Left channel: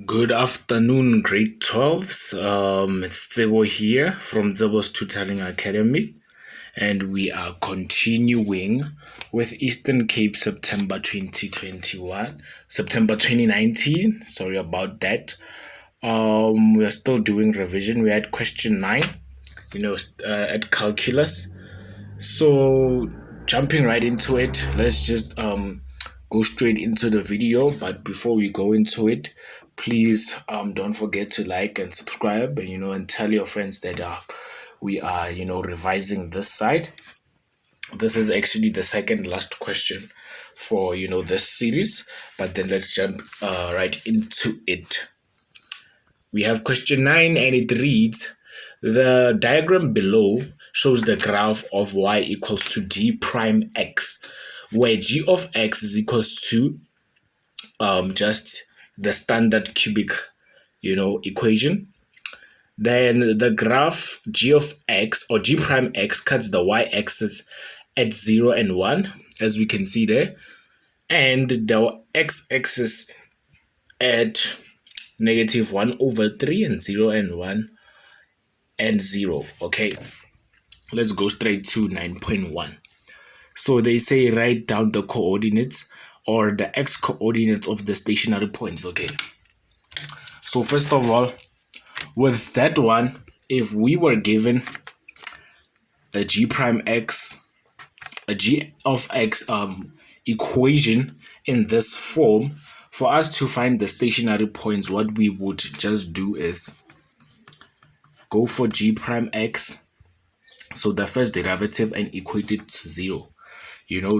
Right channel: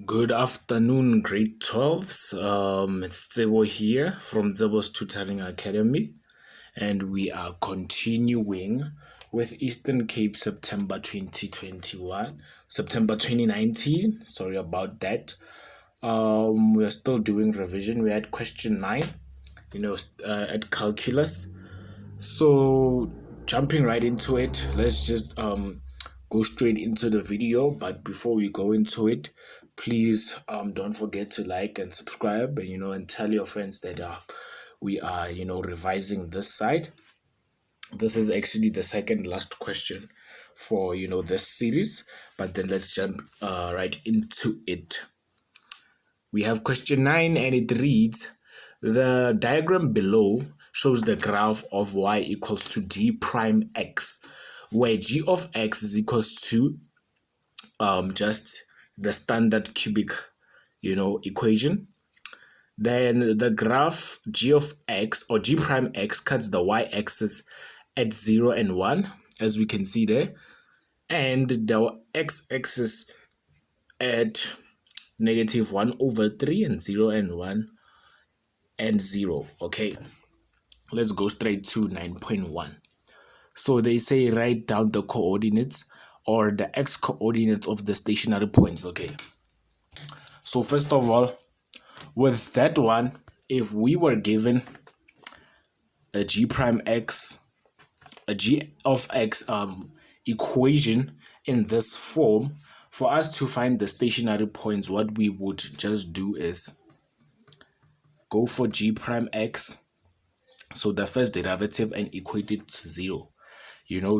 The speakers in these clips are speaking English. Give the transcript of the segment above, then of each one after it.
Good afternoon, grade 12s. It's Tsebo here from Tsebo's Tutoring Academy, and we are continuing with Eastern Cape September 2019. Sorry about that. We are still doing revision. We had question 9, at calculus. So, jumping right into it, let's just go straight into the video. But before we go into it, please don't forget to like and subscribe, and tell your friends that we are revising this side. This is actually the second last question for this series, but then let's jump right into it. We have question 9, and it reads: the diagram below shows the graph of y equals to g prime x, where g of x is equals to just the standard cubic equation. Then the graph g of x, or g prime x, cuts the y-axis at 0 and 1, as we can see there, and the x-axis at -1/3 and 0 and 1 and 0. Okay, let's go straight to 9.1. So they say write down the coordinates, or the x coordinates of the stationary points. Okay, so first of all, with that one, if we were given a g prime x, a g of x equation in this form, for us to find the stationary points, what we would just do is go for g prime x, so the first derivative, and equate it to 0.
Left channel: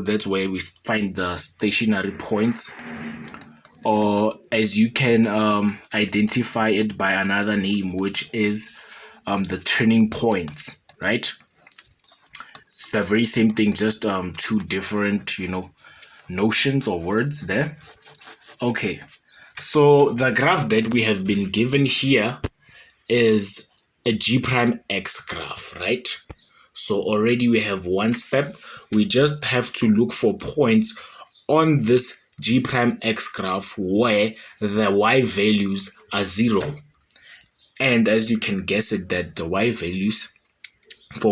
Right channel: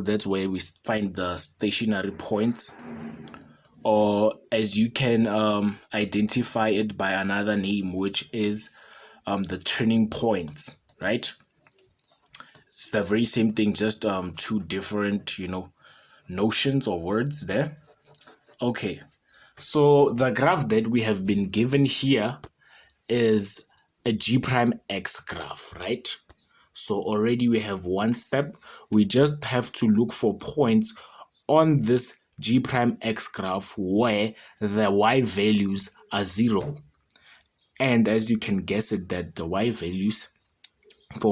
That's where we find the stationary points, or as you can identify it by another name, which is the turning points, right? It's the very same thing, just two different notions or words there. Okay, so the graph that we have been given here is a g prime x graph, right? So already we have one step. We just have to look for points on this g prime x graph where the y values are 0. And as you can guess it, that the for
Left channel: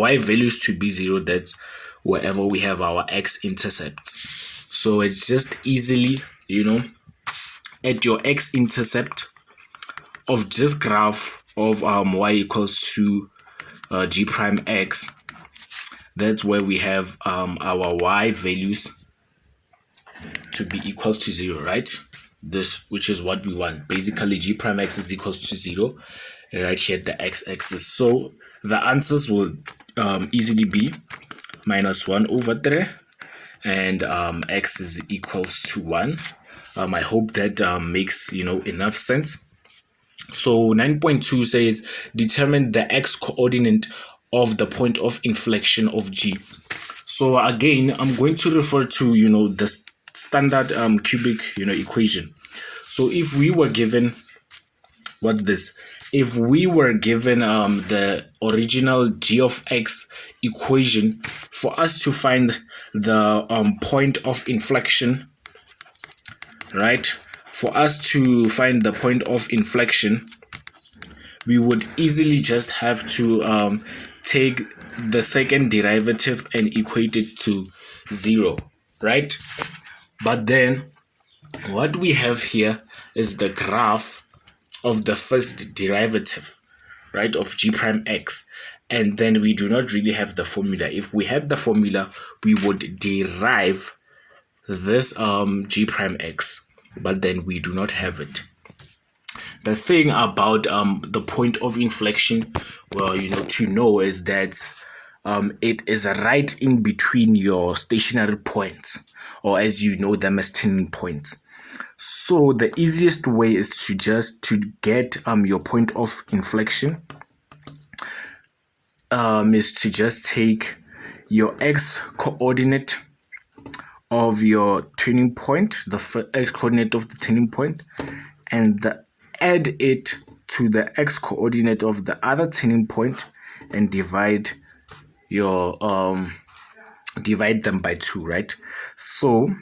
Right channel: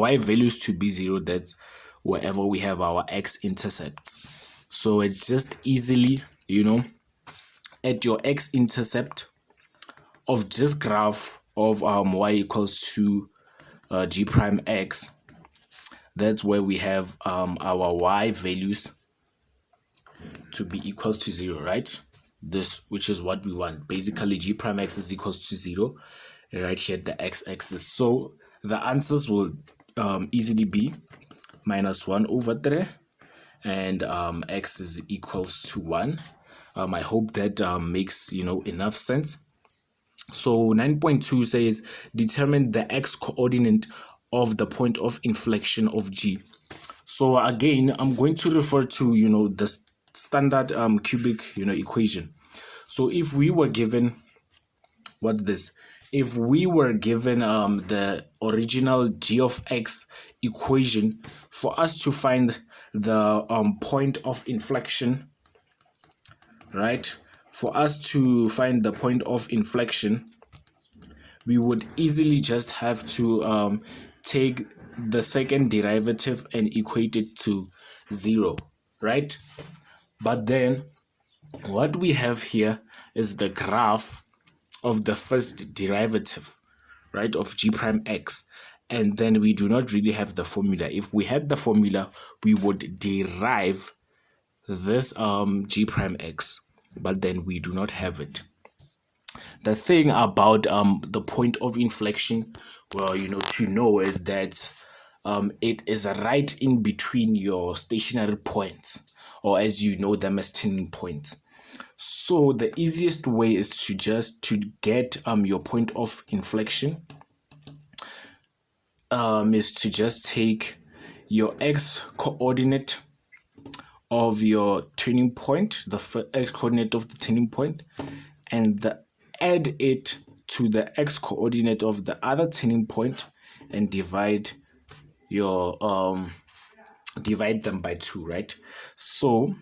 y values to be 0, that's wherever we have our x-intercepts. So it's just easily, at your x-intercept of this graph of y equals to g prime x, that's where we have our y values to be equals to 0, right? This, which is what we want. Basically, g prime x is equals to 0, right here at the x-axis. So the answers will easily be -1/3, and x is equals to 1. I hope that makes enough sense. So 9.2 says determine the x coordinate of the point of inflection of g. So again, I'm going to refer to the standard cubic equation. So if we were given if we were given the original g of x equation, for us to find the point of inflection, right? For us to find the point of inflection, we would easily just have to take the second derivative and equate it to 0, right? But then what we have here is the graph of the first derivative, right, of g prime x, and then we do not really have the formula. If we had the formula, we would derive this g prime x, but then we do not have it. The thing about the point of inflection, well, to know, is that it is right in between your stationary points, or as you know them as turning points. So the easiest way is to get your point of inflection is to just take your x coordinate of your turning point, the x coordinate of the turning point, and add it to the x coordinate of the other turning point, and divide them by 2, right? So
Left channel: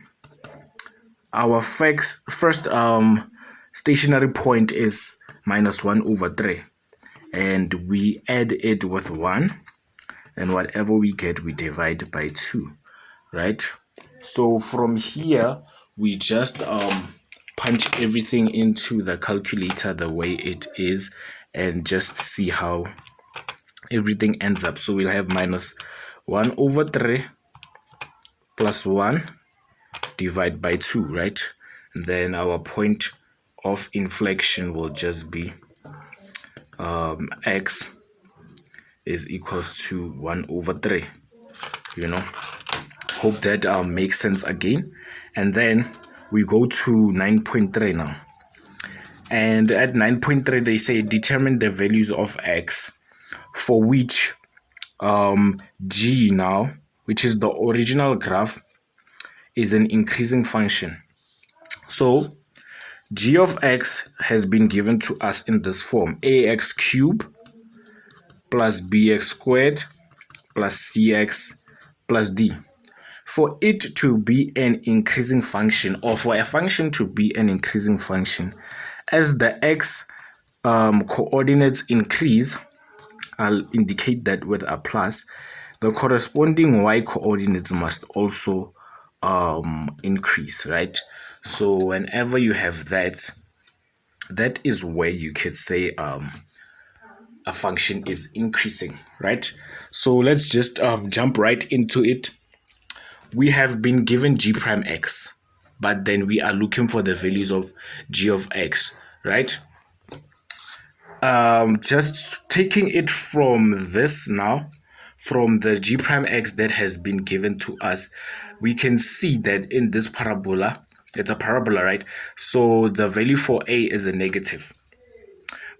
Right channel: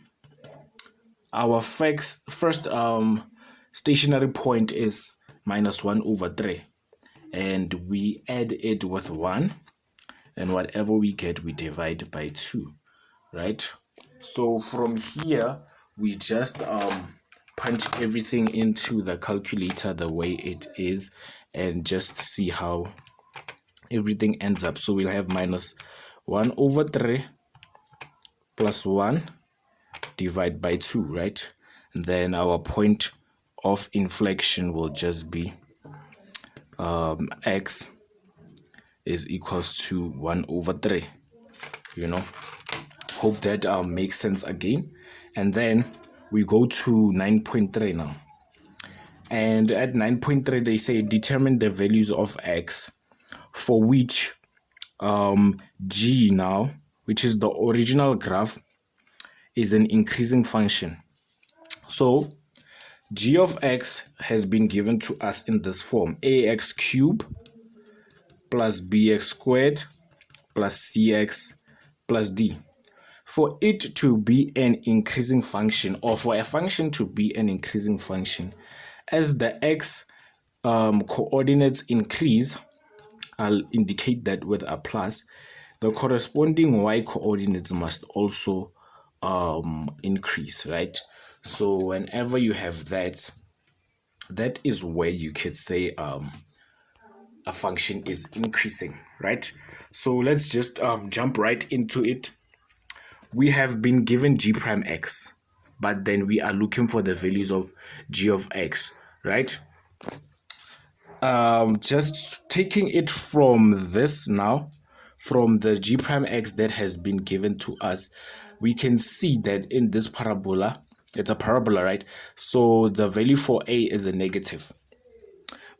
our first stationary point is minus 1 over 3. And we add it with 1. And whatever we get, we divide by 2, right? So from here, we just punch everything into the calculator the way it is and just see how everything ends up. So we'll have minus 1 over 3 plus 1 divide by 2, right? And then our point of inflection will just be x is equals to 1 over 3. Hope that makes sense again. And then we go to 9.3 now. And at 9.3, they say determine the values of x for which g now, which is the original graph, is an increasing function. So g of x has been given to us in this form: ax cubed plus bx squared plus cx plus d. For it to be an increasing function, or for a function to be an increasing function, as the x coordinates increase, I'll indicate that with a plus, the corresponding y coordinates must also increase, right? So whenever you have that, that is where you could say a function is increasing, right? So let's just jump right into it. We have been given g prime x, but then we are looking for the values of g of x, right? Just taking it from this now, from the g prime x that has been given to us, we can see that in this parabola, it's a parabola, right? So the value for a is a negative.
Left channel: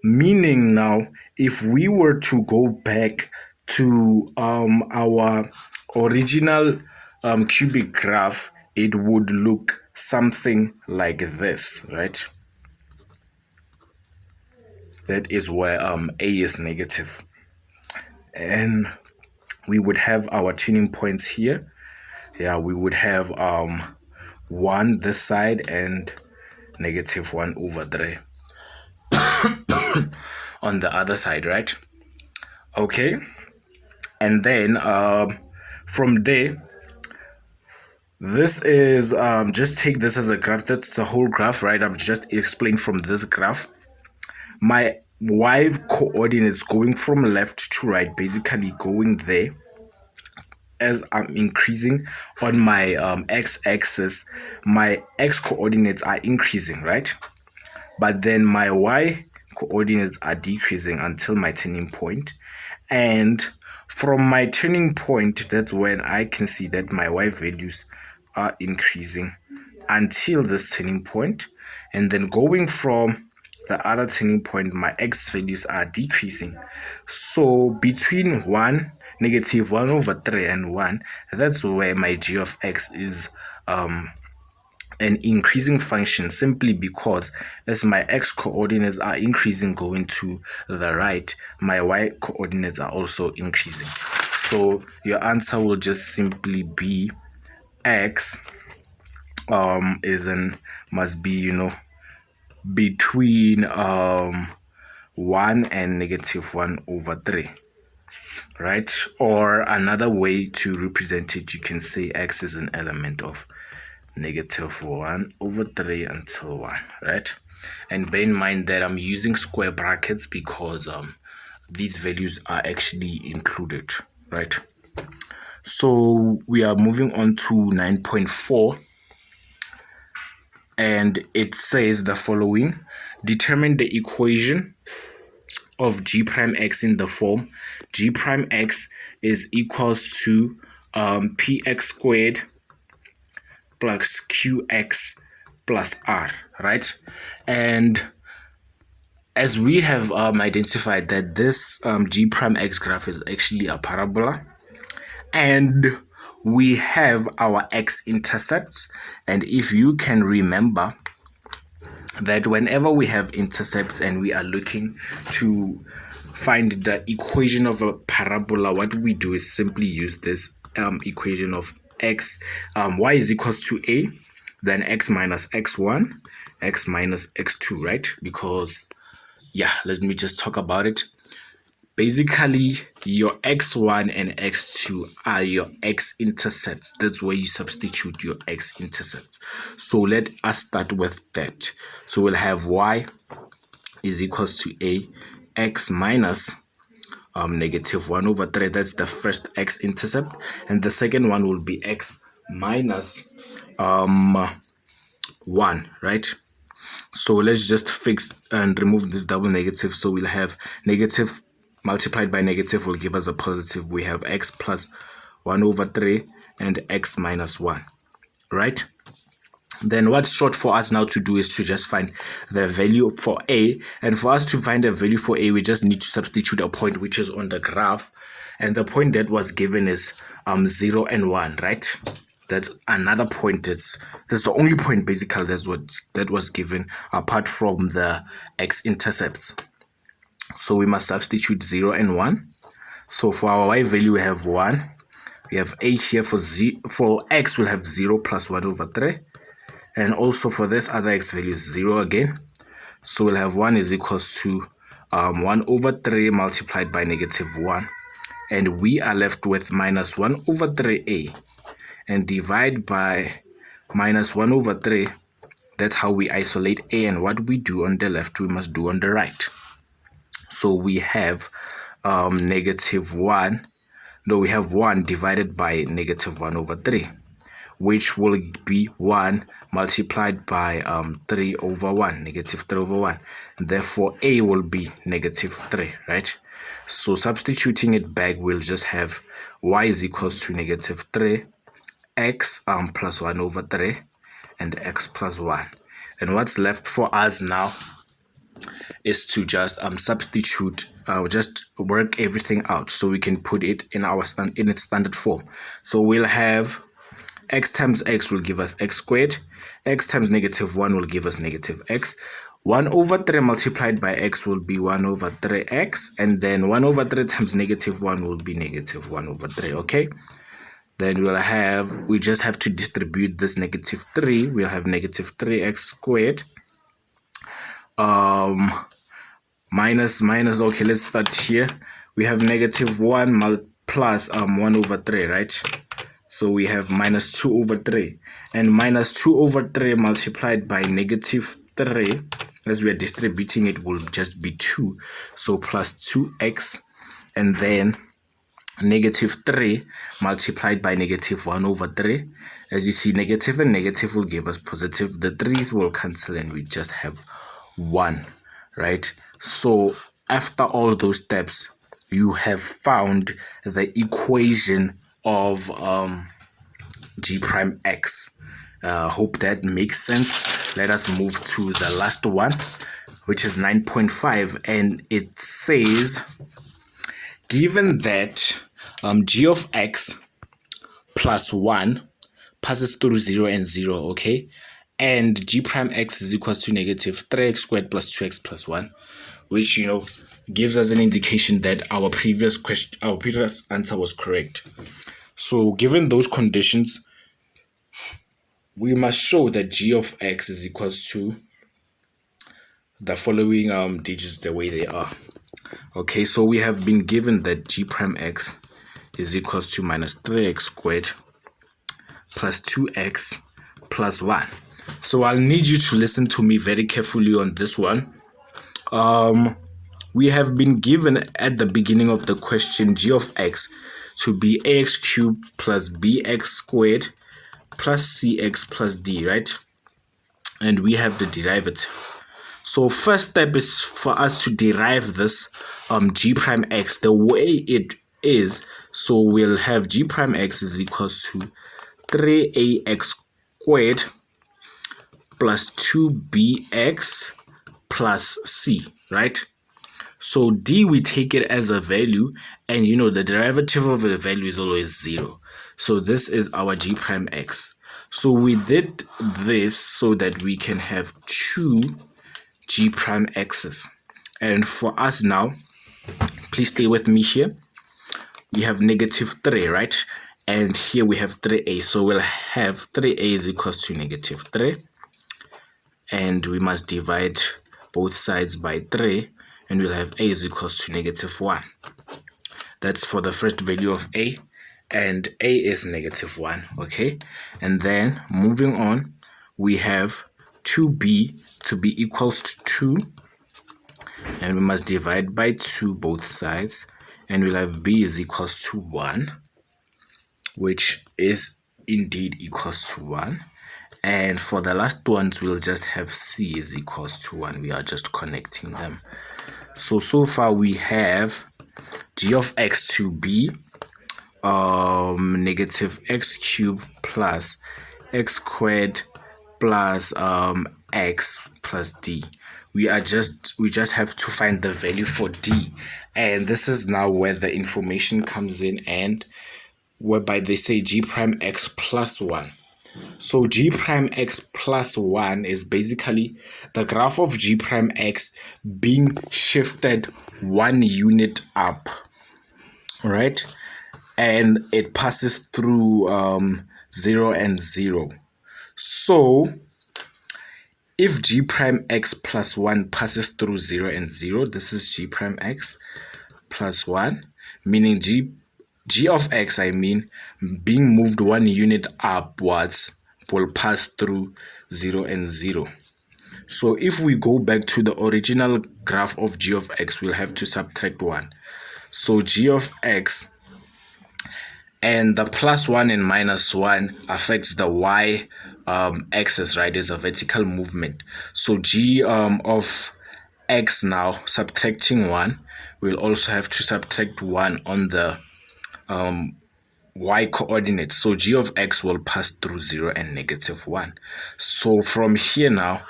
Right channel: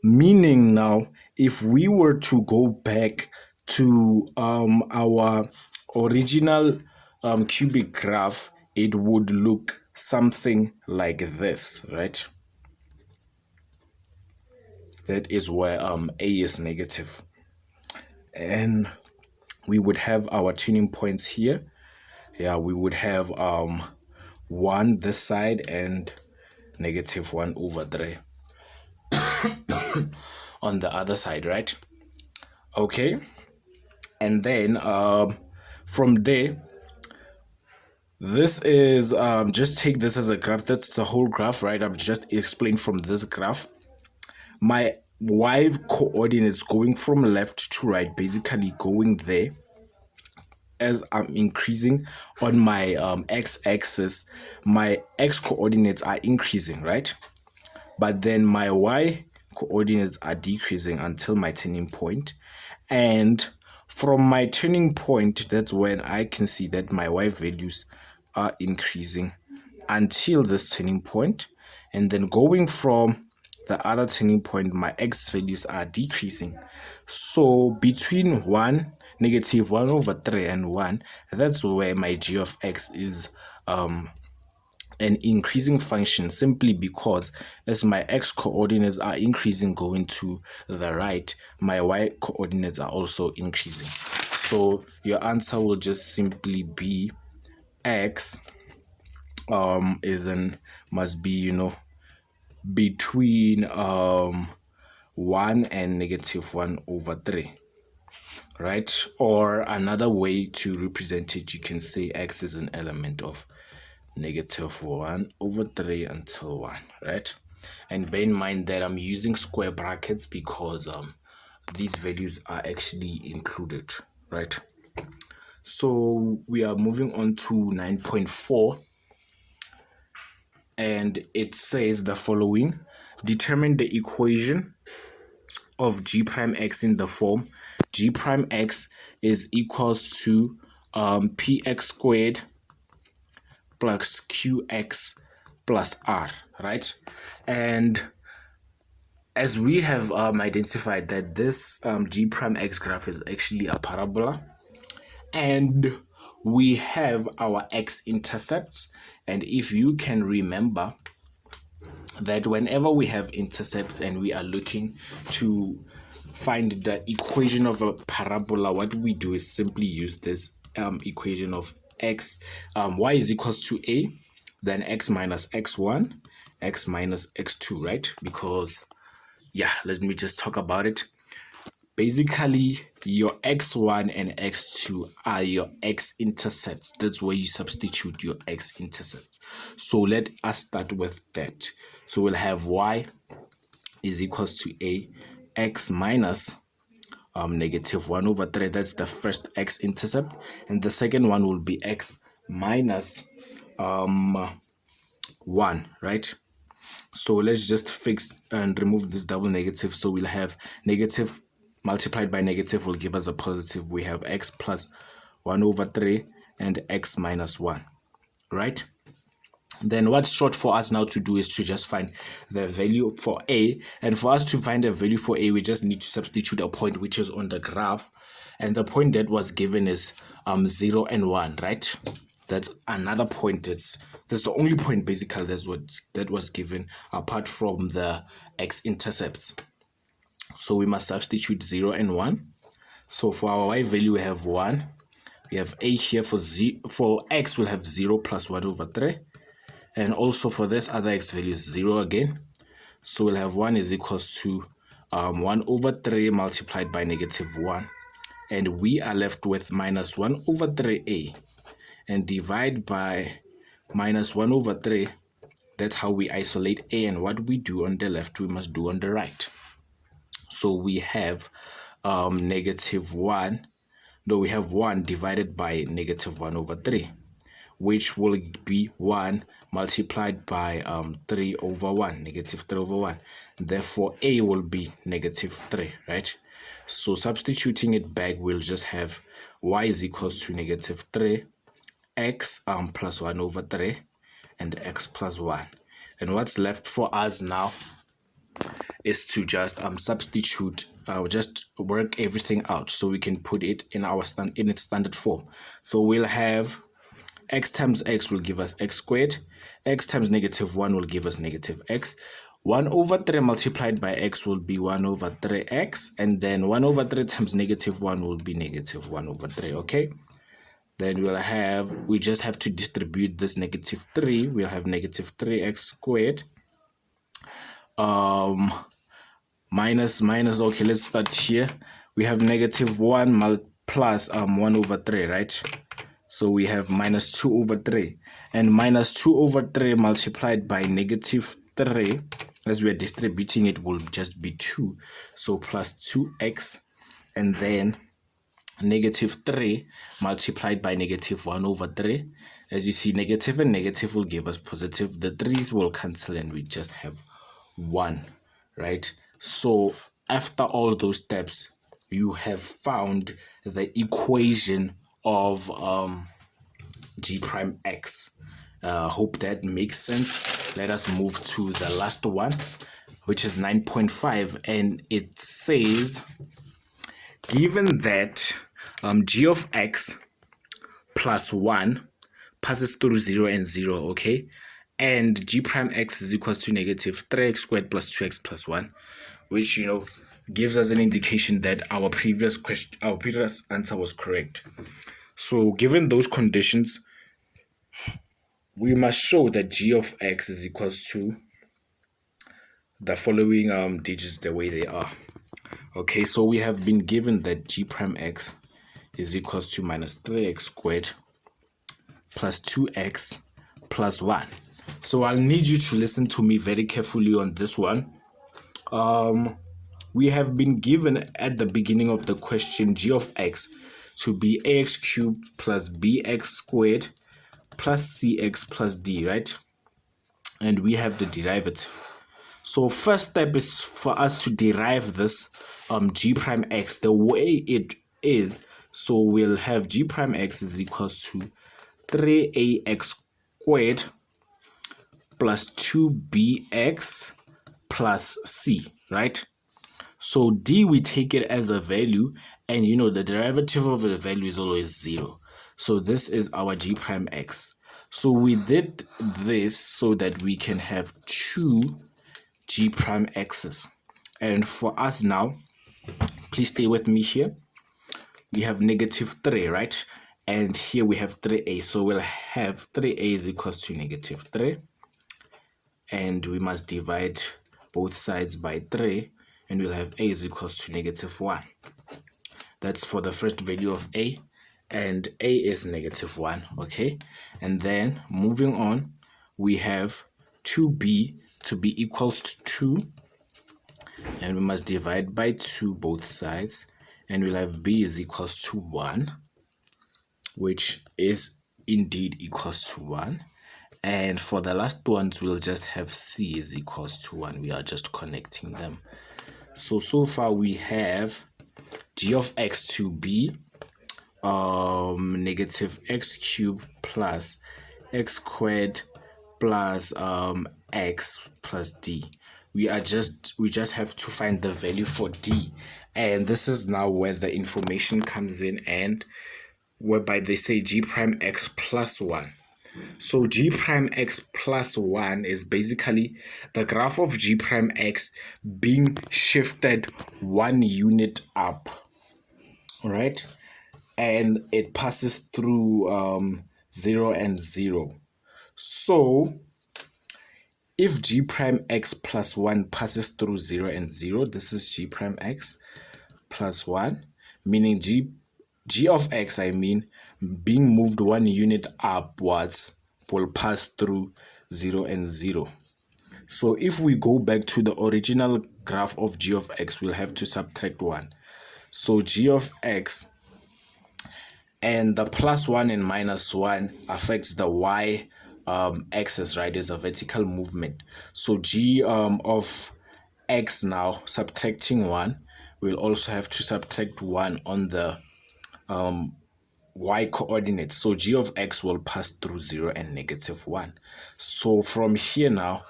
Meaning now, if we were to go back to our original cubic graph, it would look something like this, right? That is where a is negative. And we would have our tuning points here. Yeah, we would have 1 this side and negative 1 over 3 on the other side, right? Okay. And then from there, this is, just take this as a graph. That's the whole graph, right? I've just explained from this graph. My y coordinates going from left to right, basically going there. As I'm increasing on my x-axis, my x coordinates are increasing, right? But then my y coordinates are decreasing until my turning point. And from my turning point, that's when I can see that my y values are increasing until this turning point. And then going from the other turning point, my x values are decreasing. So between negative 1 over 3 and 1, that's where my g of x is an increasing function, simply because as my x coordinates are increasing going to the right, my y coordinates are also increasing. So your answer will just simply be x must be between 1 and negative 1 over 3, right? Or another way to represent it, you can say x is an element of negative 1 over 3 until 1, right? And bear in mind that I'm using square brackets because these values are actually included, right? So we are moving on to 9.4, and it says the following: determine the equation of g prime x in the form g prime x is equals to px squared plus qx plus r, right? And as we have identified that this g prime x graph is actually a parabola, and we have our x-intercepts, and if you can remember that whenever we have intercepts and we are looking to find the equation of a parabola, what we do is simply use this equation of y is equals to a, then x minus x1, x minus x2, right? Because, yeah, let me just talk about it. Basically, your x1 and x2 are your x-intercepts. That's where you substitute your x-intercepts. So let us start with that. So we'll have y is equals to a x minus negative 1 over 3. That's the first x-intercept. And the second one will be x minus 1, right? So let's just fix and remove this double negative. So we'll have negative multiplied by negative will give us a positive. We have x plus 1 over 3 and x minus 1, right? Then what's short for us now to do is to just find the value for a. And for us to find a value for a, we just need to substitute a point which is on the graph. And the point that was given is 0 and 1, right? That's another point. That's the only point basically that was given apart from the x-intercepts. So we must substitute 0 and 1. So for our y value, we have 1. We have a here for x, we'll have 0 plus 1 over 3. And also for this other x value is 0 again. So we'll have 1 is equals to 1 over 3 multiplied by negative 1. And we are left with minus 1 over 3a. And divide by minus 1 over 3. That's how we isolate a. And what we do on the left, we must do on the right. So we have negative 1. No, we have 1 divided by negative 1 over 3. Which will be 1 multiplied by 3 over 1, negative 3 over 1. Therefore, a will be negative 3, right? So substituting it back, we'll just have y is equals to negative 3, x plus 1 over 3, and x plus 1. And what's left for us now is to just substitute, just work everything out so we can put it in its standard form. So we'll have x times x will give us x squared. X times negative 1 will give us negative x. 1 over 3 multiplied by x will be 1 over 3x. And then 1 over 3 times negative 1 will be negative 1 over 3, okay? Then we just have to distribute this negative 3. We'll have negative 3x squared. Minus, okay, let's start here. We have negative 1 plus 1 over 3, right? So we have minus 2 over 3. And minus 2 over 3 multiplied by negative 3, as we are distributing it, will just be 2. So plus 2x. And then negative 3 multiplied by negative 1 over 3. As you see, negative and negative will give us positive. The 3's will cancel and we just have 1, right? So after all those steps, you have found the equation of g prime x. Hope that makes sense. Let us move to the last one, which is 9.5, and it says, given that g of x plus 1 passes through 0 and 0, okay, and g prime x is equals to negative 3x squared plus 2x plus 1, which, you know, gives us an indication that our previous answer was correct. So given those conditions, we must show that g of x is equals to the following digits the way they are. Okay, so we have been given that g prime x is equals to minus 3x squared plus 2x plus 1. So I'll need you to listen to me very carefully on this one. We have been given at the beginning of the question g of x to be ax cubed plus bx squared plus cx plus d, right? And we have the derivative. So first step is for us to derive this g prime x the way it is. So we'll have g prime x is equals to 3ax squared plus 2bx plus c, right? So d, we take it as a value, and you know the derivative of the value is always 0. So this is our g prime x. So we did this so that we can have 2 g prime x's. And for us now, please stay with me here. We have negative 3, right? And here we have 3a. So we'll have 3a is equals to negative 3. and we must divide both sides by 3, and we'll have a is equals to -1. That's for the first value of a, and a is -1, okay? And then moving on, we have 2b to be equals to 2, and we must divide by 2 both sides, and we'll have b is equals to 1, which is indeed equals to 1. And for the last ones, we'll just have c is equals to 1. We are just connecting them. So far we have g of x to be negative x cubed plus x squared plus x plus d. We just have to find the value for d, and this is now where the information comes in, and whereby they say g prime x plus 1. So g prime x plus 1 is basically the graph of g prime x being shifted 1 unit up, right? And it passes through 0 and 0. So if g prime x plus 1 passes through 0 and 0, this is g prime x plus 1, meaning g of x, being moved 1 unit upwards, will pass through 0 and 0. So if we go back to the original graph of g of x, we'll have to subtract 1. So g of x, and the plus 1 and minus 1 affects the y axis, right? Is a vertical movement. So g of x now, subtracting 1, we'll also have to subtract 1 on the y coordinates. So g of x will pass through 0 and -1. So from here now,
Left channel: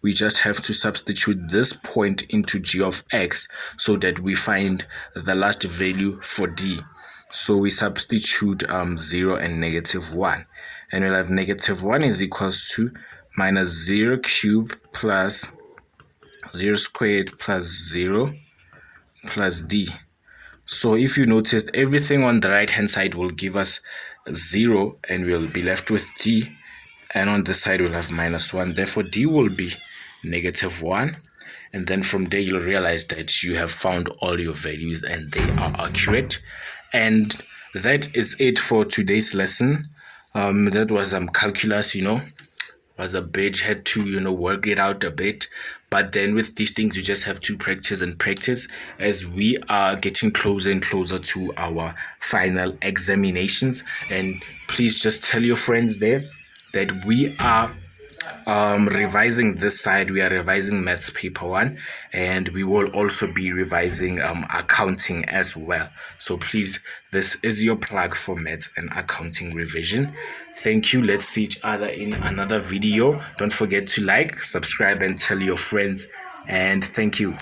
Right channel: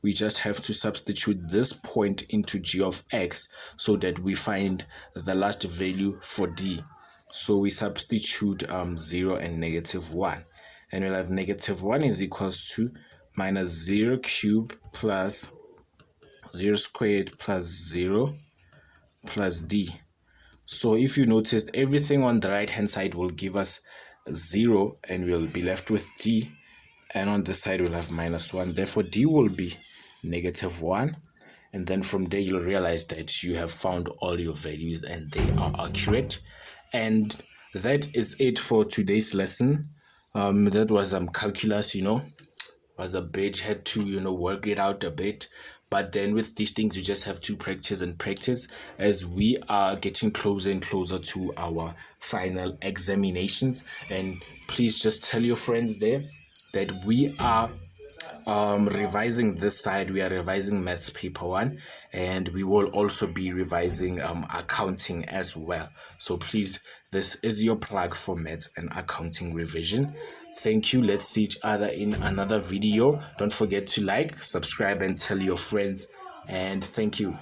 we just have to substitute this point into g of x so that we find the last value for d. So we substitute 0 and -1, and we'll have -1 is equals to minus 0 cubed plus 0 squared plus 0 plus d. So if you noticed, everything on the right hand side will give us 0, and we'll be left with d, and on this side we'll have -1. Therefore d will be -1, and then from there you'll realize that you have found all your values and they are accurate. And that is it for today's lesson. That was calculus, was a bit, had to work it out a bit, but then with these things you just have to practice and practice as we are getting closer and closer to our final examinations. And please just tell your friends there that we are revising this side. We are revising maths paper 1, and we will also be revising accounting as well. So please, this is your plug for maths and accounting revision. Thank you. Let's see each other in another video. Don't forget to like, subscribe, and tell your friends. And thank you.